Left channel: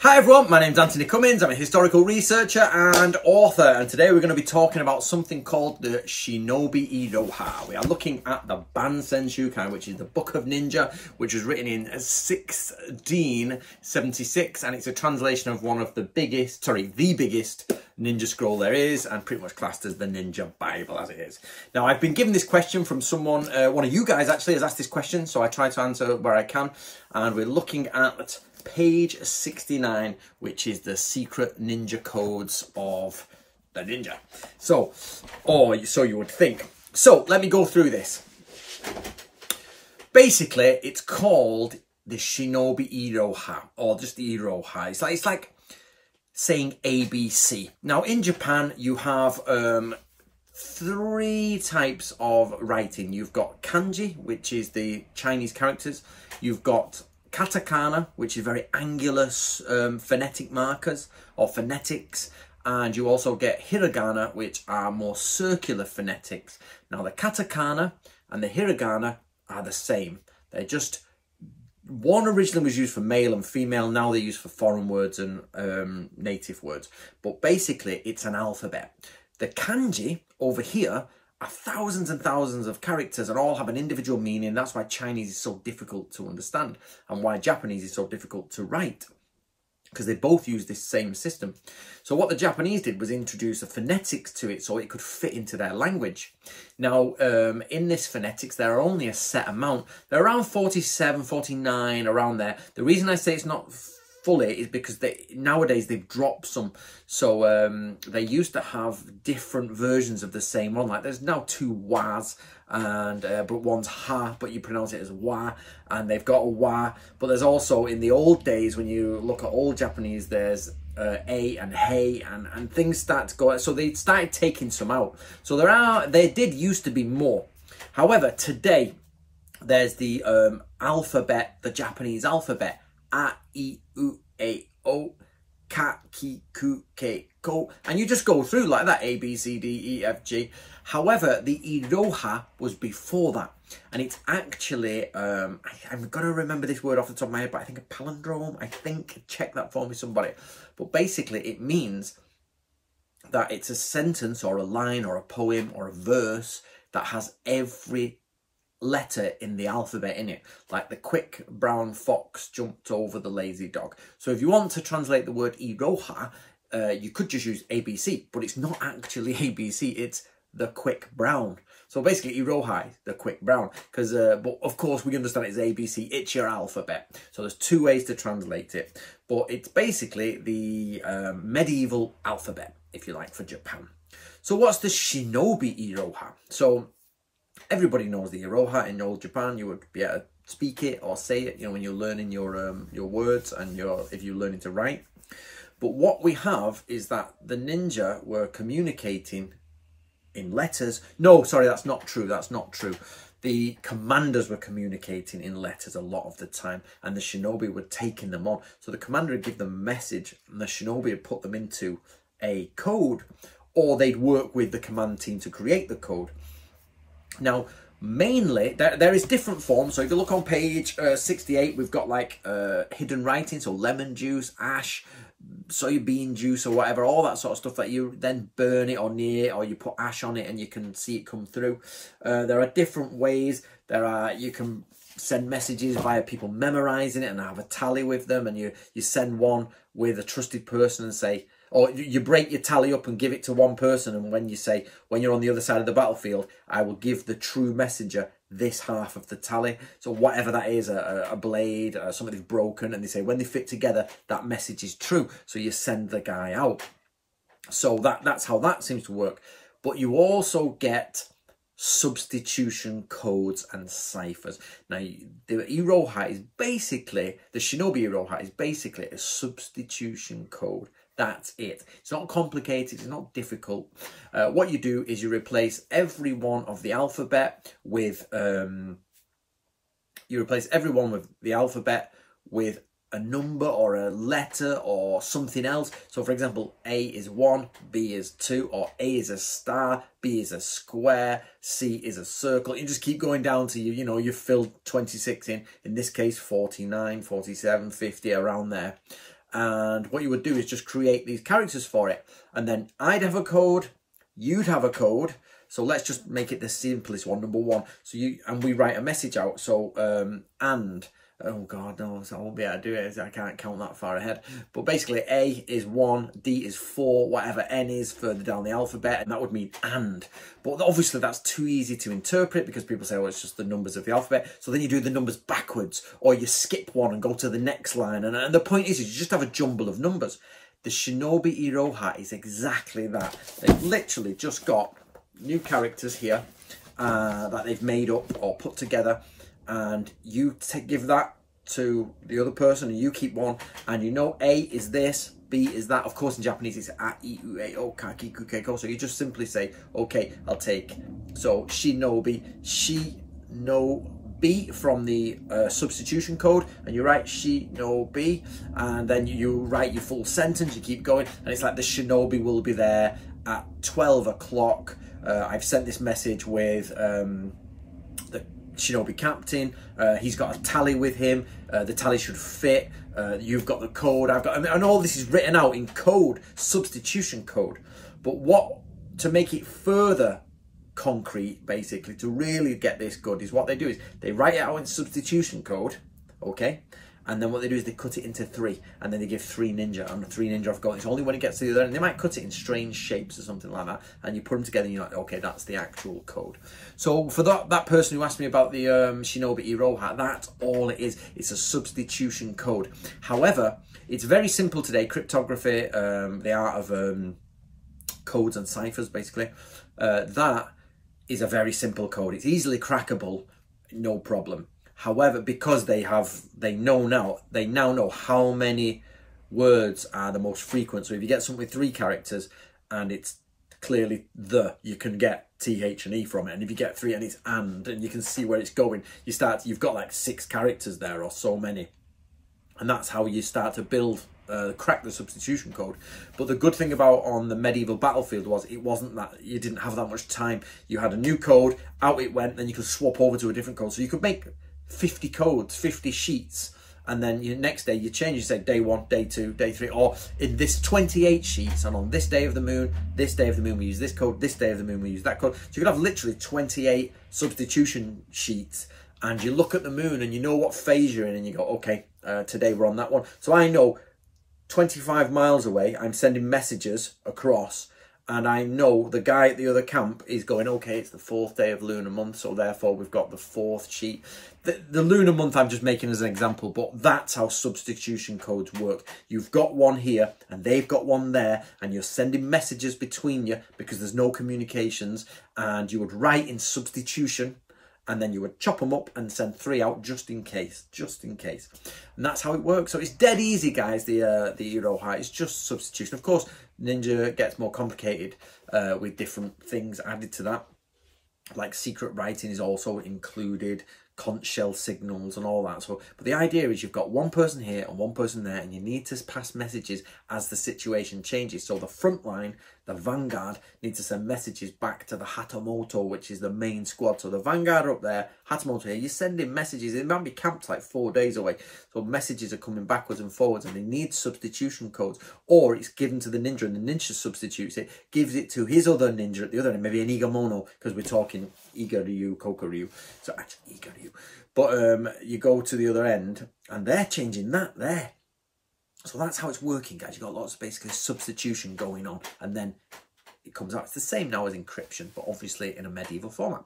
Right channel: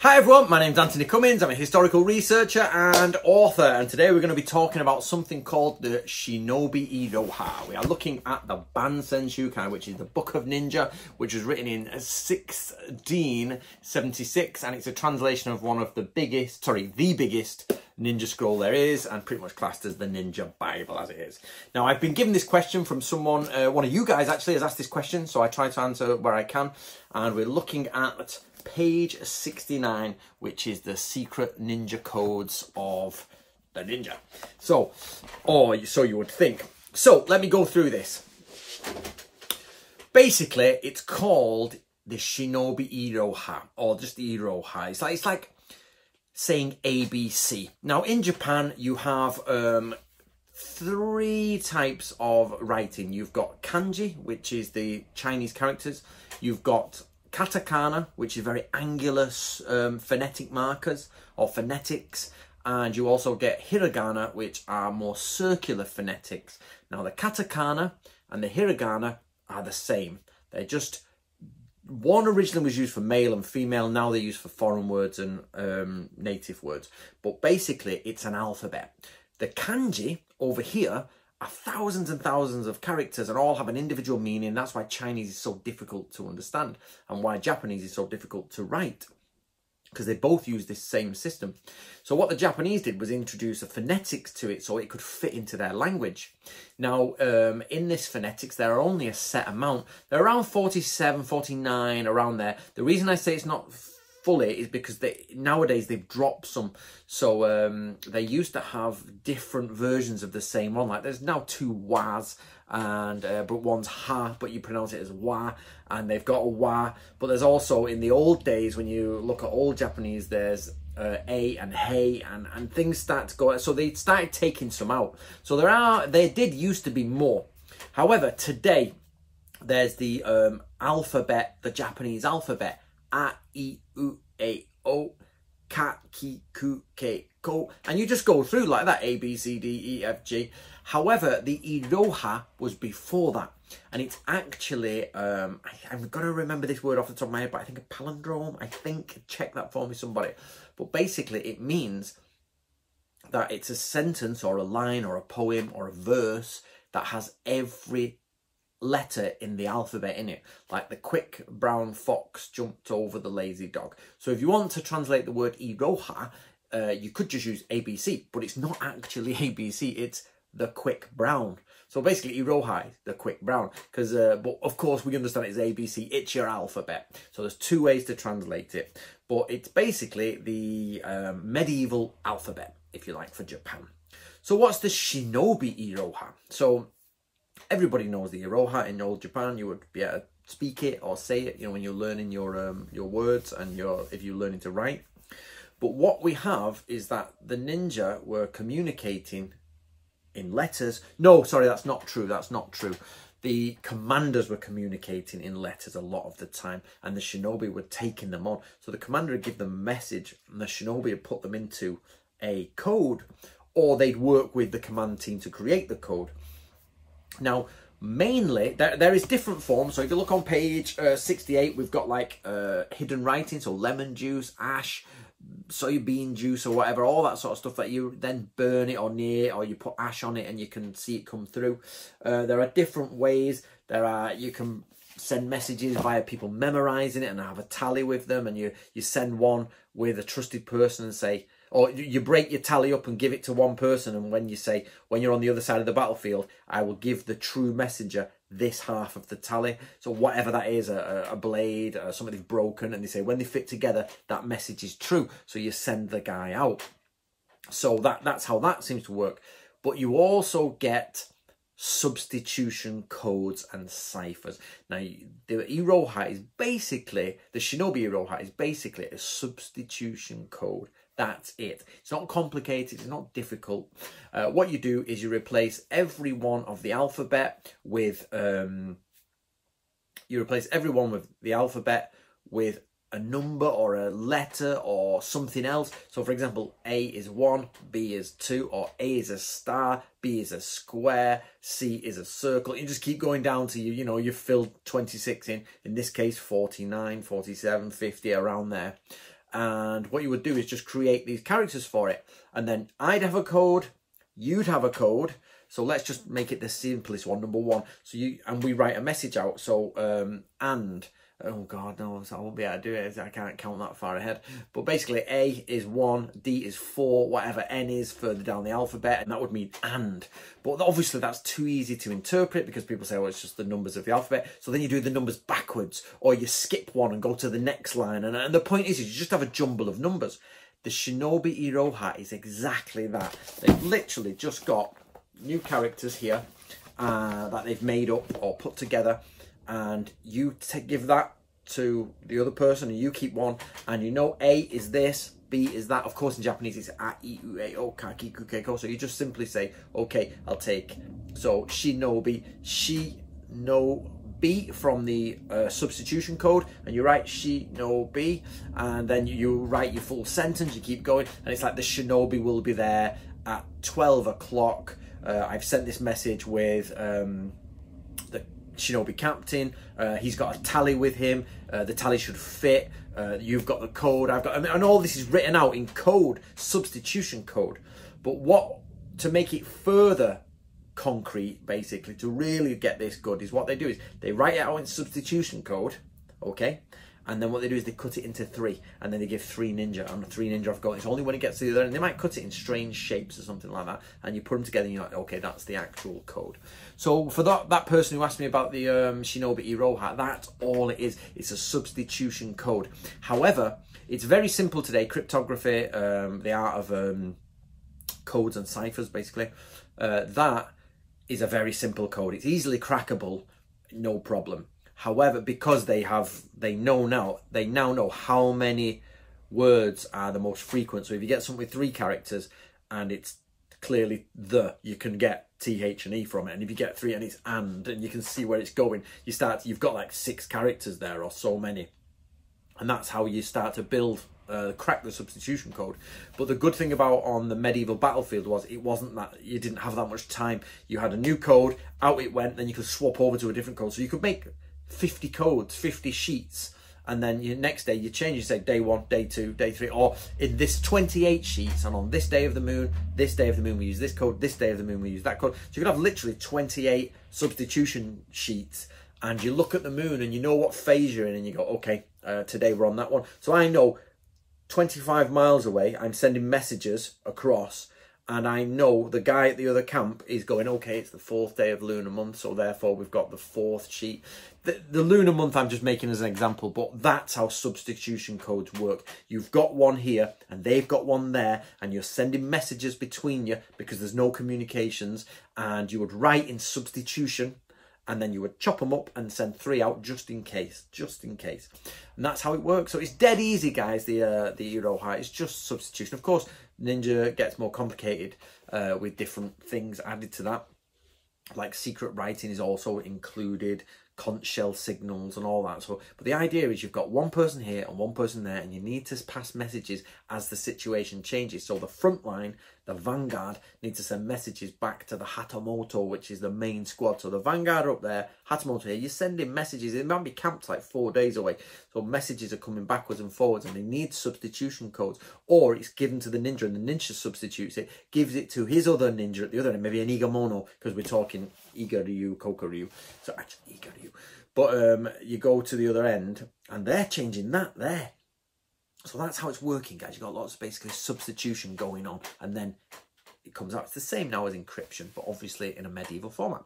Hi everyone, my name's Anthony Cummins. I'm a historical researcher and author, and today we're going to be talking about something called the Shinobi Iroha. We are looking at the Bansen Shukai, which is the Book of Ninja, which was written in 1676, and it's a translation of one of the biggest ninja scroll there is, and pretty much classed as the Ninja Bible as it is. Now, I've been given this question from someone, one of you guys actually has asked this question, so I try to answer where I can, and we're looking at page 69, which is the secret ninja codes of the ninja. So you would think. So let me go through this. Basically, it's called the Shinobi Iroha, or just the Iroha. It's like saying ABC. Now, in Japan, you have three types of writing. You've got kanji, which is the Chinese characters. You've got katakana, which is very angular phonetic markers or phonetics, and you also get hiragana, which are more circular phonetics. Now, the katakana and the hiragana are the same. They're just, one originally was used for male and female, now they're used for foreign words and native words. But basically, it's an alphabet. The kanji over here are thousands and thousands of characters and all have an individual meaning. That's why Chinese is so difficult to understand and why Japanese is so difficult to write, because they both use this same system. So what the Japanese did was introduce a phonetics to it so it could fit into their language. Now, in this phonetics, there are only a set amount. They're around 47, 49, around there. The reason I say it's not fully is because nowadays they've dropped some. So they used to have different versions of the same one. Like there's now two was, and but one's ha, but you pronounce it as wa, and they've got a wa. But there's also, in the old days, when you look at old Japanese, there's a and hey, and things start to go. So they started taking some out. So there did used to be more. However, today there's the alphabet, the Japanese alphabet. A, I, U, A, O, Ka, Ki, Ku, Ke, Ko. And you just go through like that, A, B, C, D, E, F, G. However, the Iroha was before that. And it's actually, I'm going to remember this word off the top of my head, but I think a palindrome, I think. Check that for me, somebody. But basically, it means that it's a sentence or a line or a poem or a verse that has every letter in the alphabet in it, like the quick brown fox jumped over the lazy dog. So if you want to translate the word Iroha, you could just use ABC, but it's not actually ABC, it's the quick brown. So basically Iroha is the quick brown, because but of course we understand it's ABC, it's your alphabet. So there's two ways to translate it, but it's basically the medieval alphabet, if you like, for Japan. So what's the Shinobi Iroha? So everybody knows the Iroha in old Japan. You would be able to speak it or say it, you know, when you're learning your words and if you're learning to write. But what we have is that the ninja were communicating in letters. No, sorry, that's not true. That's not true. The commanders were communicating in letters a lot of the time, and the shinobi were taking them on. So the commander would give them a message, and the shinobi would put them into a code, or they'd work with the command team to create the code. Now, mainly, there is different forms. So if you look on page 68, we've got like hidden writing, so lemon juice, ash, soybean juice or whatever, all that sort of stuff that you then burn it or near, or you put ash on it and you can see it come through. There are different ways. You can send messages via people memorizing it and have a tally with them, and you send one with a trusted person and say, or you break your tally up and give it to one person, and when you say, when you're on the other side of the battlefield, I will give the true messenger this half of the tally. So whatever that is, a blade, something's broken, and they say when they fit together, that message is true. So you send the guy out. So that's how that seems to work. But you also get substitution codes and ciphers. Now, the Iroha is basically, the Shinobi Iroha is basically a substitution code. That's it. It's not complicated. It's not difficult. What you do is you replace every one of the alphabet with a number or a letter or something else. So, for example, A is 1, B is 2, or A is a star, B is a square, C is a circle. You just keep going down to you've filled 26 in this case 49, 47, 50, around there. And what you would do is just create these characters for it. And then I'd have a code, you'd have a code. So let's just make it the simplest one, number 1. So and we write a message out. So, oh God, no, I won't be able to do it. I can't count that far ahead. But basically, A is 1, D is 4, whatever N is further down the alphabet, and that would mean and. But obviously, that's too easy to interpret because people say, oh, it's just the numbers of the alphabet. So then you do the numbers backwards, or you skip one and go to the next line. And the point is you just have a jumble of numbers. The Shinobi Iroha is exactly that. They've literally just got new characters here that they've made up or put together, and you give that to the other person and you keep one, and you know A is this, B is that. Of course in Japanese it's a, I, U, A, O, ka, ki, ku, ke, ko. So you just simply say, okay, I'll take, so Shinobi, Shinobi from the substitution code, and you write Shinobi, and then you write your full sentence, you keep going, and it's like the Shinobi will be there at 12 o'clock. I've sent this message with the Shinobi captain. He's got a tally with him. The tally should fit. You've got the code. I've got, and all this is written out in code, substitution code. But to make it further concrete, basically, to really get this good, is what they do is they write it out in substitution code, okay? And then what they do is they cut it into 3, and then they give 3 ninja, and the 3 ninja have got, it's only when it gets to the other end, they might cut it in strange shapes or something like that, and you put them together and you're like, okay, that's the actual code. So for that person who asked me about the Shinobi Iroha, that's all it is. It's a substitution code. However, it's very simple today, cryptography, the art of codes and ciphers, basically. That is a very simple code. It's easily crackable, no problem. However, because they now know how many words are the most frequent. So if you get something with 3 characters and it's clearly you can get TH and E from it. And if you get 3 and it's and you can see where it's going, you've got like 6 characters there or so many. And that's how you start to build, crack the substitution code. But the good thing about on the medieval battlefield was it wasn't that you didn't have that much time. You had a new code, out it went, then you could swap over to a different code. So you could make 50 codes, 50 sheets, and then next day you change, you say day 1, day 2, day 3, or in this 28 sheets, and on this day of the moon we use this code, this day of the moon we use that code. So you could have literally 28 substitution sheets, and you look at the moon and you know what phase you're in, and you go, okay, today we're on that one. So I know 25 miles away I'm sending messages across, and I know the guy at the other camp is going, okay, it's the 4th day of lunar month, so therefore we've got the 4th sheet. The lunar month I'm just making as an example, but that's how substitution codes work. You've got one here and they've got one there, and you're sending messages between you because there's no communications, and you would write in substitution, and then you would chop them up and send 3 out just in case. And that's how it works. So it's dead easy, guys, the Iroha. It's just substitution. Of course, Ninja gets more complicated with different things added to that. Like secret writing is also included, conch shell signals and all that. So, but the idea is you've got one person here and one person there, and you need to pass messages as the situation changes. So the front line, the vanguard, needs to send messages back to the Hatamoto, which is the main squad. So the vanguard are up there, Hatamoto here, you're sending messages. It might be camped like 4 days away. So messages are coming backwards and forwards, and they need substitution codes. Or it's given to the ninja, and the ninja substitutes it, gives it to his other ninja at the other end, maybe an Igamono, because we're talking Iga Ryu, Koka Ryu. So actually Iga Ryu. But you go to the other end, and they're changing that there. So that's how it's working, guys. You've got lots of basically substitution going on, and then it comes out. It's the same now as encryption, but obviously in a medieval format.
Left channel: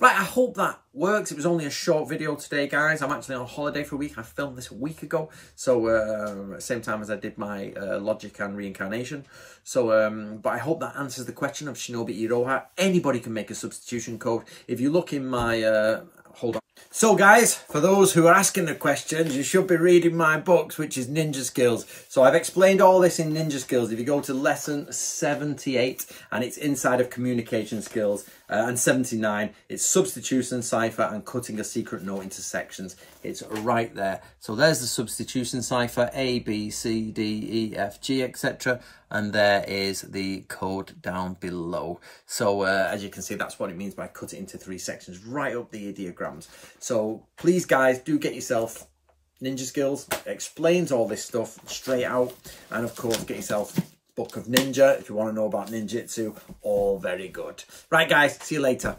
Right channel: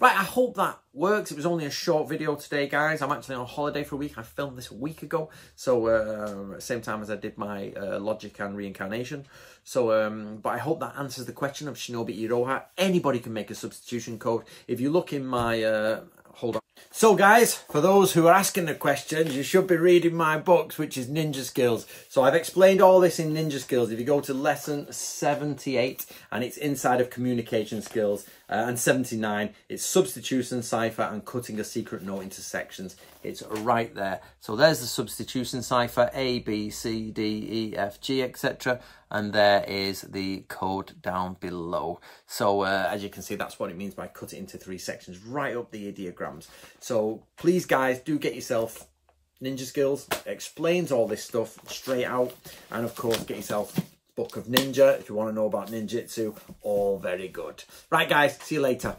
Right, I hope that works. It was only a short video today, guys. I'm actually on holiday for a week. I filmed this a week ago, so same time as I did my logic and reincarnation. So, but I hope that answers the question of Shinobi Iroha. Anybody can make a substitution code. If you look in my... hold on. So guys, for those who are asking the questions, you should be reading my books, which is Ninja Skills. So I've explained all this in Ninja Skills. If you go to lesson 78, and it's inside of communication skills, and 79, it's substitution, cipher, and cutting a secret note into sections. It's right there. So there's the substitution cipher, A, B, C, D, E, F, G, etc. And there is the code down below. So as you can see, that's what it means by cut it into 3 sections, right up the ideograms. So please, guys, do get yourself Ninja Skills explains all this stuff straight out. And of course, get yourself Book of Ninja if you want to know about ninjutsu. All very good. Right, guys, see you later.